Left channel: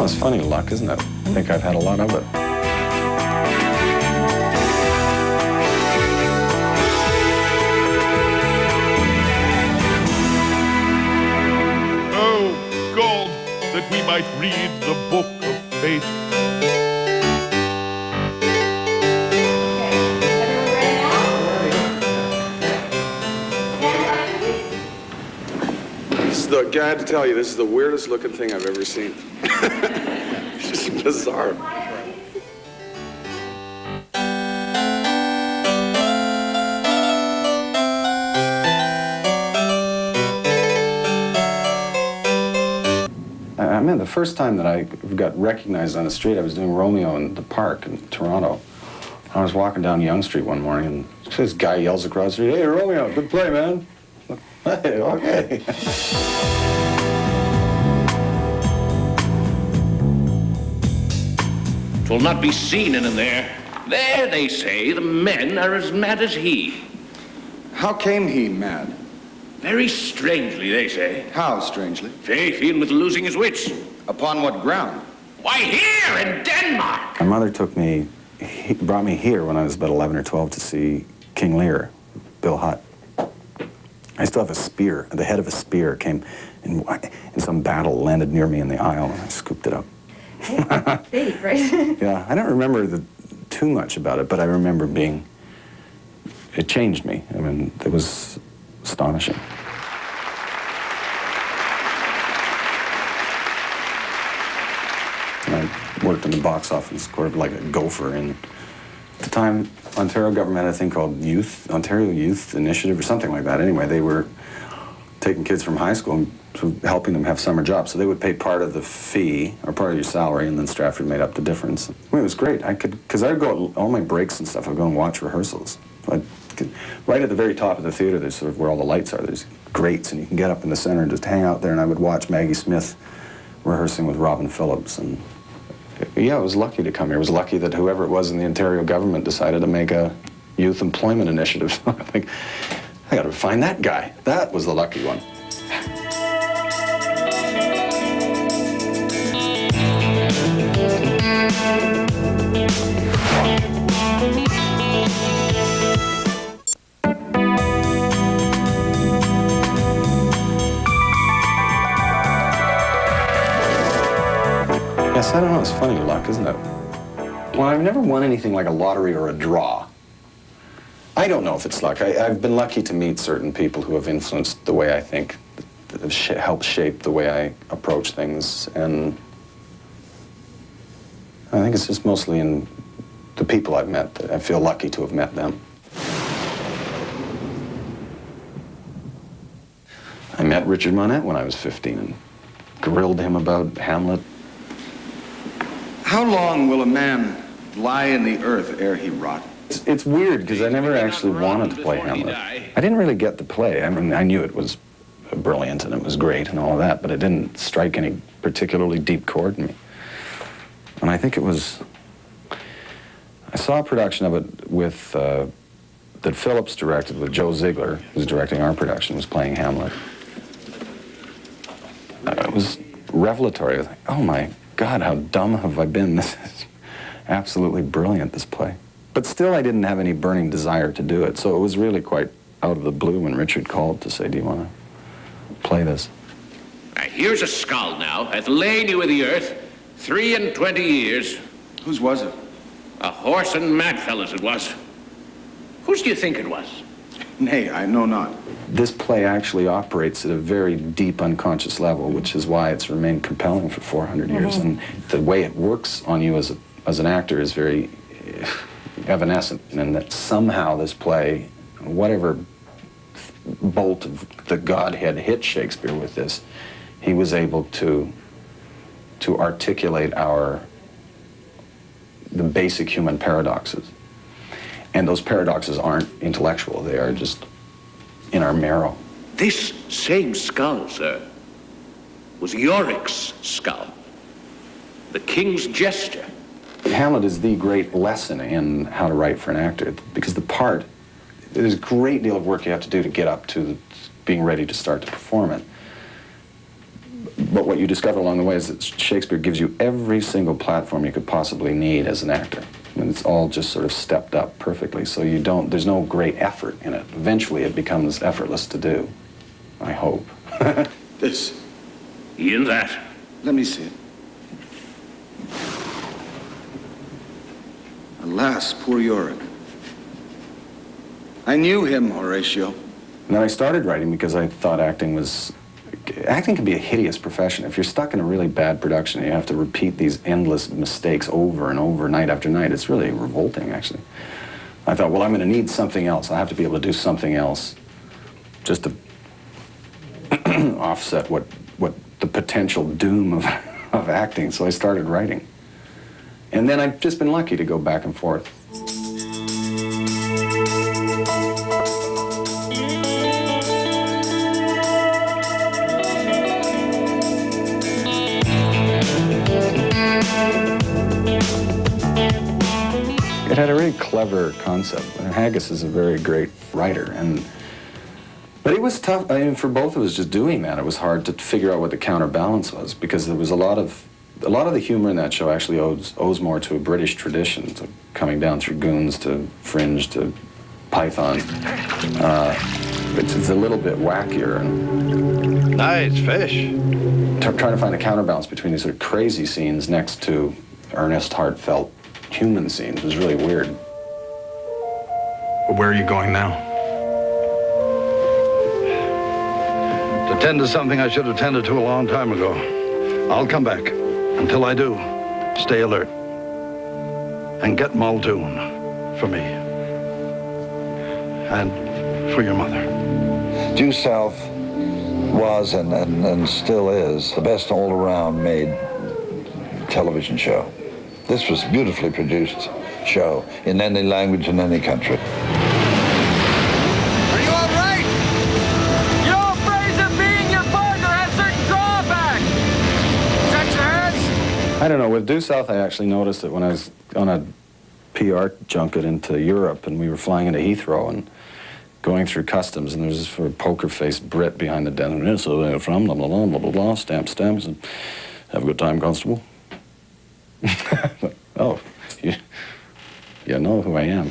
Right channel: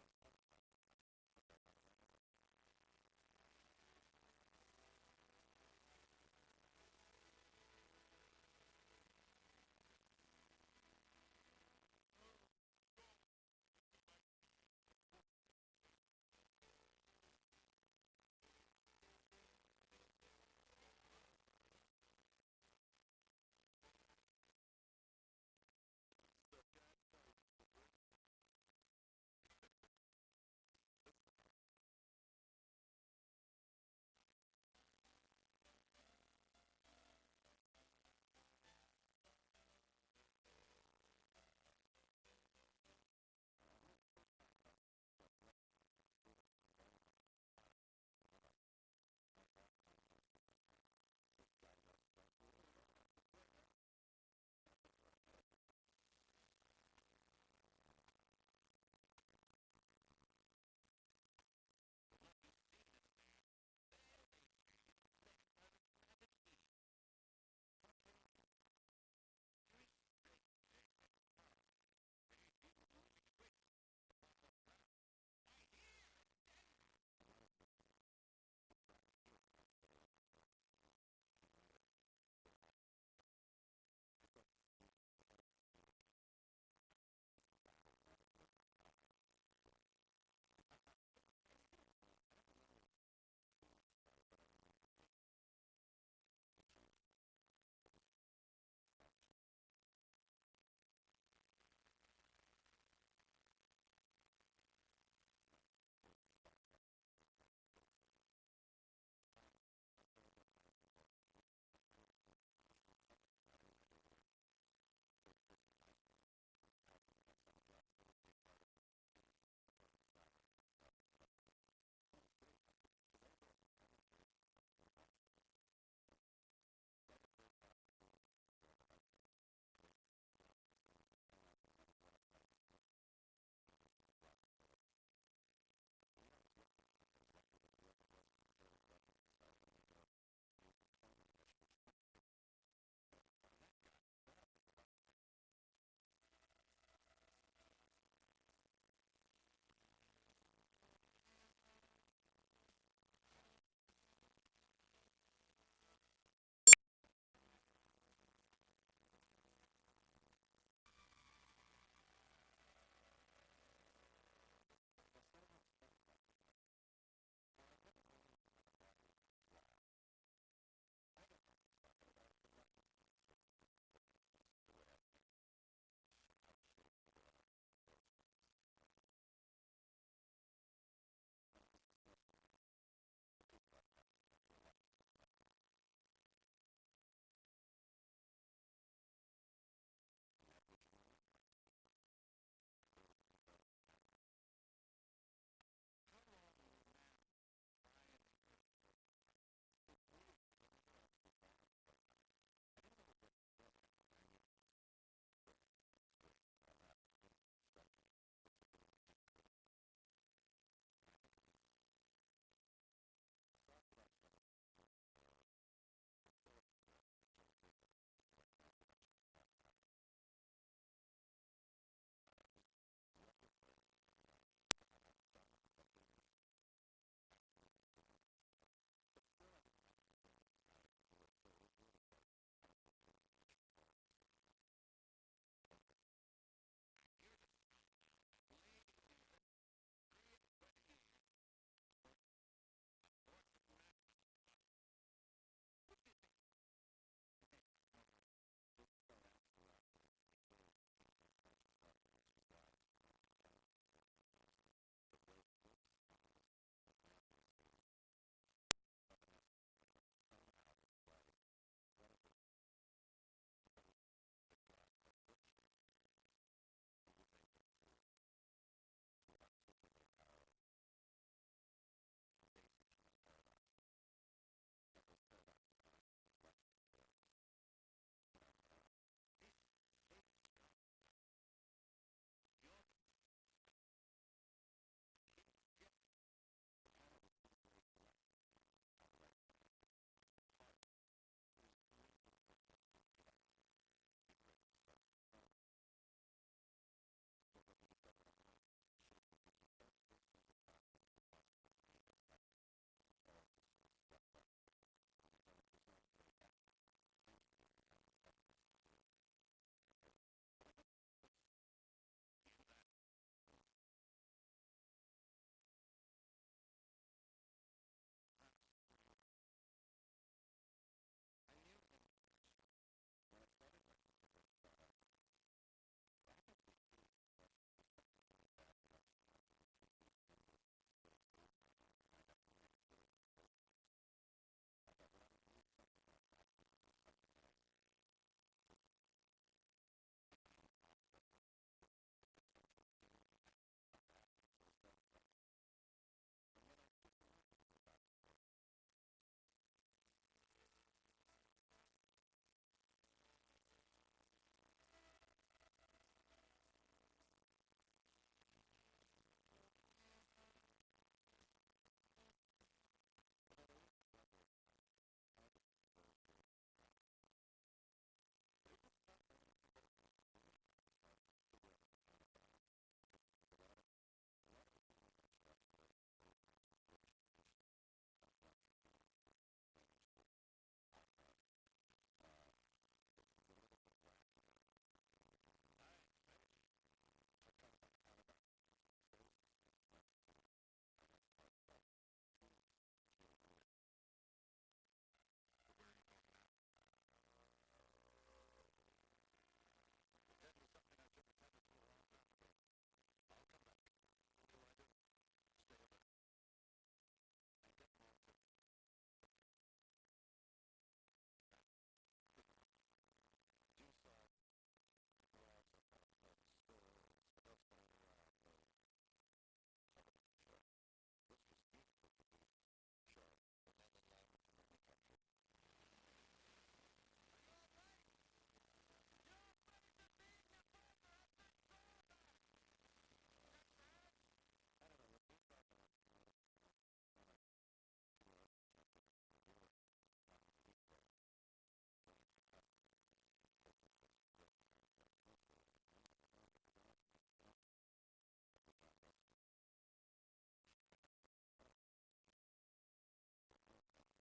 Oh, it's funny luck, isn't it? I think I've had a lot of it. Oh, God, that we might read the book of fate. I had to tell you, this is the weirdest looking thing I've ever seen. It's just bizarre. I mean, the first time that I got recognized on the street, I was doing Romeo in the park in Toronto. I was walking down Yonge Street one morning, and this guy yells across the street, "Hey, Romeo, good play, man." Hey, okay. "'Twill not be seen in there. There, they say, the men are as mad as he. How came he mad? Very strangely, they say. How strangely? Faith, in with losing his wits. Upon what ground? Why, here in Denmark. My mother brought me here when I was about 11 or 12 to see King Lear, Bill Hutt. I still have a spear. The head of a spear came in some battle, landed near me in the aisle, and I scooped it up. Fate, right? Yeah, I don't remember too much about it, but I remember it changed me. I mean, it was astonishing. And I worked in the box office, sort of like a gopher. And at the time, Ontario government had a thing called Ontario Youth Initiative or something like that. Anyway, they were taking kids from high school and sort of helping them have summer jobs. So they would pay part of the fee or part of your salary, and then Stratford made up the difference. I mean, it was great. Because I'd go all my breaks and stuff, I'd go and watch rehearsals. Right at the very top of the theater, there's sort of where all the lights are. There's grates, and you can get up in the center and just hang out there. And I would watch Maggie Smith rehearsing with Robin Phillips. And yeah, I was lucky to come here. I was lucky that whoever it was in the Ontario government decided to make a youth employment initiative. So I think, I got to find that guy. That was the lucky one. Yes, I don't know. It's funny luck, isn't it? Well, I've never won anything like a lottery or a draw. I don't know if it's luck. I've been lucky to meet certain people who have influenced the way I think, that have helped shape the way I approach things. And I think it's just mostly in the people I've met that I feel lucky to have met them. I met Richard Monette when I was 15 and grilled him about Hamlet. How long will a man lie in the earth ere he rot? It's weird, because I never actually wanted to play Hamlet. I didn't really get the play. I mean, I knew it was brilliant and it was great and all of that, but it didn't strike any particularly deep chord in me. And I think it was... I saw a production of it with... that Phillips directed with Joe Ziegler, who's directing our production, was playing Hamlet. It was revelatory. I was like, oh my God, how dumb have I been? This is absolutely brilliant, this play. But still, I didn't have any burning desire to do it, so it was really quite out of the blue when Richard called to say, do you want to play this? Here's a skull now, hath lain you with the earth 23 years. Whose was it? A horse and mad fellas it was. Whose do you think it was? Nay, I know not. This play actually operates at a very deep unconscious level, which is why it's remained compelling for 400 years. And the way it works on you as an actor is very evanescent, and that somehow this play, whatever bolt of the Godhead hit Shakespeare with this, he was able to articulate the basic human paradoxes. And those paradoxes aren't intellectual, they are just in our marrow. This same skull, sir, was Yorick's skull, the king's jester. Hamlet is the great lesson in how to write for an actor, because there's a great deal of work you have to do to get up to being ready to start to perform it. But what you discover along the way is that Shakespeare gives you every single platform you could possibly need as an actor. I mean, it's all just sort of stepped up perfectly, so you don't, there's no great effort in it. Eventually it becomes effortless to do, I hope. This. In that. Let me see it. Alas, poor Yorick. I knew him, Horatio. And then I started writing because I thought acting can be a hideous profession. If you're stuck in a really bad production and you have to repeat these endless mistakes over and over, night after night, it's really revolting, actually. I thought, well, I'm going to need something else. I have to be able to do something else just to offset what the potential doom of acting. So I started writing. And then I've just been lucky to go back and forth. It had a really clever concept. And Haggis is a very great writer, but it was tough. I mean, for both of us just doing that, it was hard to figure out what the counterbalance was, because there was a lot of the humor in that show actually owes more to a British tradition, to coming down through Goons to Fringe to Python. It's a little bit wackier, and Nice fish. trying to find a counterbalance between these sort of crazy scenes next to earnest, heartfelt human scenes was really weird. Where are you going now? To tend to something I should have tended to a long time ago. I'll come back. Until I do, stay alert. And get Muldoon for me. And for your mother. Due South was and still is the best all-around made television show. This was a beautifully produced show in any language in any country. Are you all right? You're all afraid that being your partner has certain drawbacks. Is that your hands? I don't know, with Due South I actually noticed it when I was on a PR junket into Europe, and we were flying into Heathrow and going through customs, and there's this sort of poker-faced Brit behind the desk. So they're from blah, blah, blah, blah, blah, blah, stamps, and have a good time, Constable. Oh, you know who I am.